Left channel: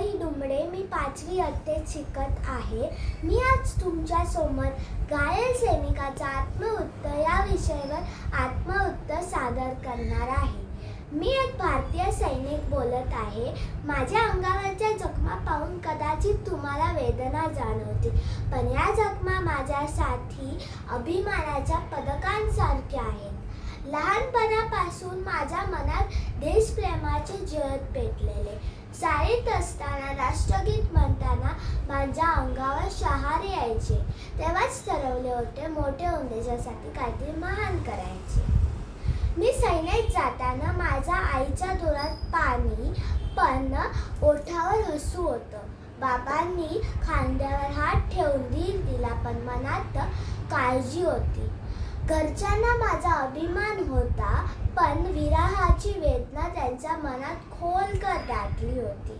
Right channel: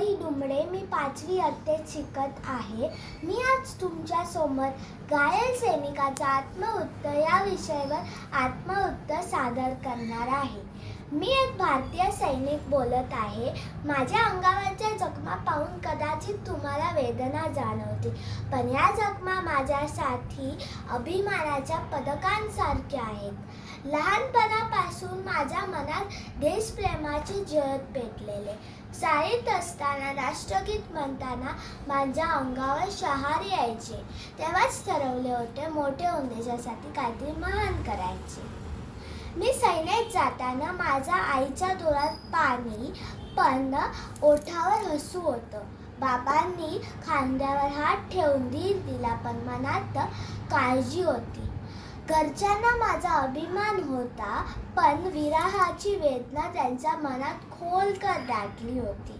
आरोही डुमडे. मी 5वी इयत्तेत शिकत आहे. मी आज तुमच्या समोर घायल सैनिकाचा आत्मवृत्त या विषयावर आत्मवृत्त सादर करणार आहे. मी एक भारतीय सैनिक बोलत आहे. माझ्या अंगावरच्या जखमा पाहून कदाचित तुम्हाला वेदना जाणवतील, पण या जखमा माझ्यासाठी अभिमानाच्या पदकांसारख्या आहेत. लहानपणापासून माझ्या मनात देशप्रेमाचे ज्योत पेटलेले. शाळेत असताना राष्ट्रगीत म्हणताना माझ्या अंगावर शहारे यायचे. तेव्हाच ठरवले होते मोठे होऊन देशासाठी काहीतरी महान करायचे. मी सैन्यात जाताना माझ्या आईच्या डोळ्यात पाणी, पण ओठावर हसू होतं. बाबांनी खांद्यावर हात ठेवून धीर दिला, पण मनात काळजी होती. घरच्यांना माझा अभिमान होता, पण विरहाची वेदना त्यांच्या मनात खोलकर दाटली होती.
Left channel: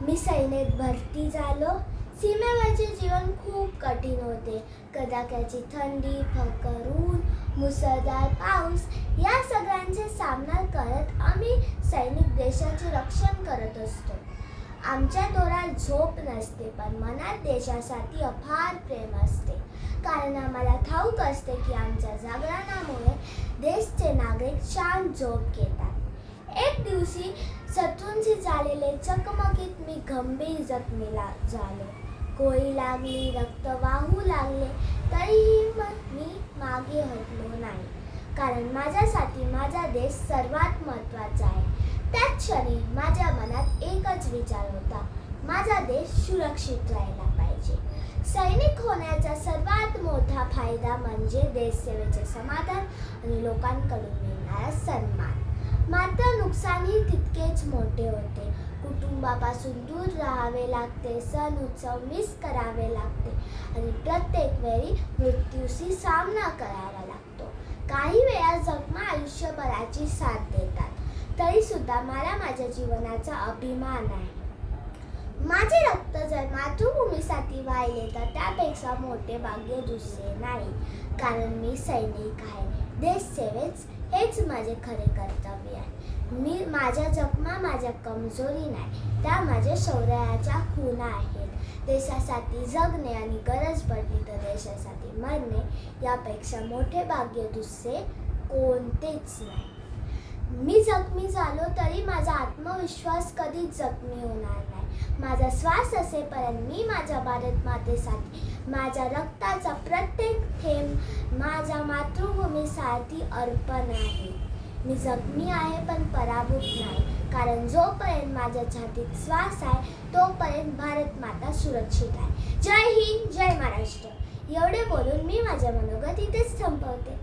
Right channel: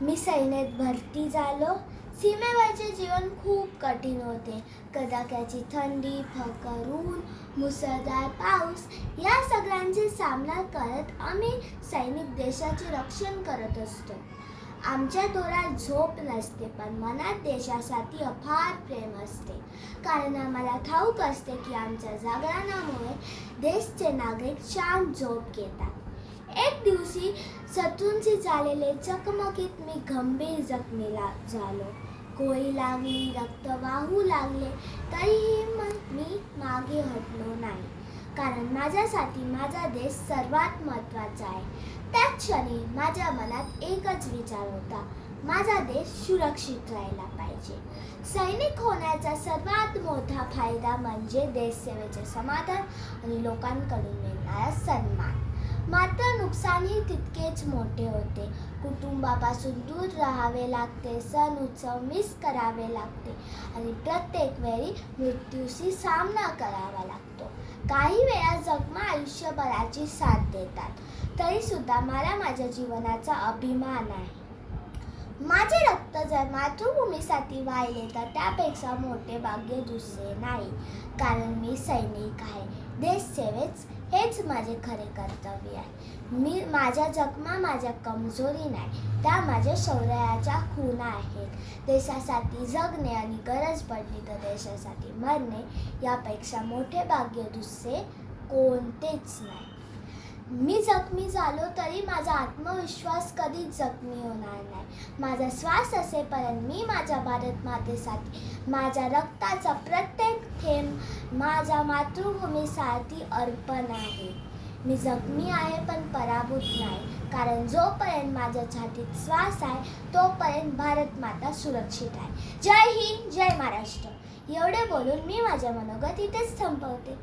मी सैन्यात भरती झालो. सीमेवरचे जीवन खूप कठीण होते. कडाक्याची थंडी, भयंकर ऊन, मुसळधार पाऊस या सगळ्यांचे सामना करत आम्ही सैनिक देशाचे रक्षण करत असतो. आमच्या डोळ्यात झोप नसते, पण मनात देशासाठी अफाट प्रेम असते. कारण आम्हाला ठाऊक असते की आमच्या जागरणामुळे देशचे नागरिक शांत झोप घेतात. एक दिवशी शत्रूंशी झालेले चकमकीत मी गंभीर जखमी झालो. गोळी लागली, रक्त वाहू लागले, तरीही मी मागे हटलो नाही. कारण माझ्यासाठी माझा देश सर्वात महत्त्वाचा आहे. त्याच क्षणी माझ्या मनात एकच विचार होता, माझा देश सुरक्षित राहायला पाहिजे. सैनिक होण्याचा सर्वात मोठा फायदा म्हणजे देशसेवेचे समाधान आणि लोकांकडून मिळणारा सन्मान. मात्र नुकसानही तितकेच मोठे होते. कुटुंबापासून दूर राहावे लागते, सण उत्सव मिस करावे लागते आणि प्रत्येक वेळी मृत्यूशी सामना करावा लागतो. काही वेळा जखमा आयुष्यभराची साथ देतात. तरी सुद्धा मला माझ्या जीवनाचा अभिमान आहे. माझे रक्त जर मातृभूमीसाठी वाहिले तर त्यापेक्षा मोठे भाग्य दुसरे नाही. कारण मी सैनिक आहे. देशसेवेच हेच माझे खरे कर्तव्य आहे. माझ्या जखमा माझ्या कमजोरी नाही, त्या माझ्या शौर्याच्या खुणा आहेत. देशासाठी जगणे आणि गरज पडली तर देशासाठी मरणे यापेक्षा मोठे भाग्य दुसरे कोणतेच नाही. मी जखमी झालो तरी माझा आत्मविश्वास कधीच जखमी होणार नाही. माझा श्वास असेपर्यंत मी माझ्या भारत मातेसाठी माझ्या रक्ताचा प्रत्येक थेंब माझ्या मातृभूमीसाठी अर्पण आहे. मी जखमी आहे पण पराभूत नाही, कारण जोपर्यंत माझ्या छातीत श्वास आहे तोपर्यंत भारत माता सुरक्षित आहे. जय हिंद, जय महाराष्ट्र. एवढे बोलून मी माझ्या मनोगत इथेच थांबवते.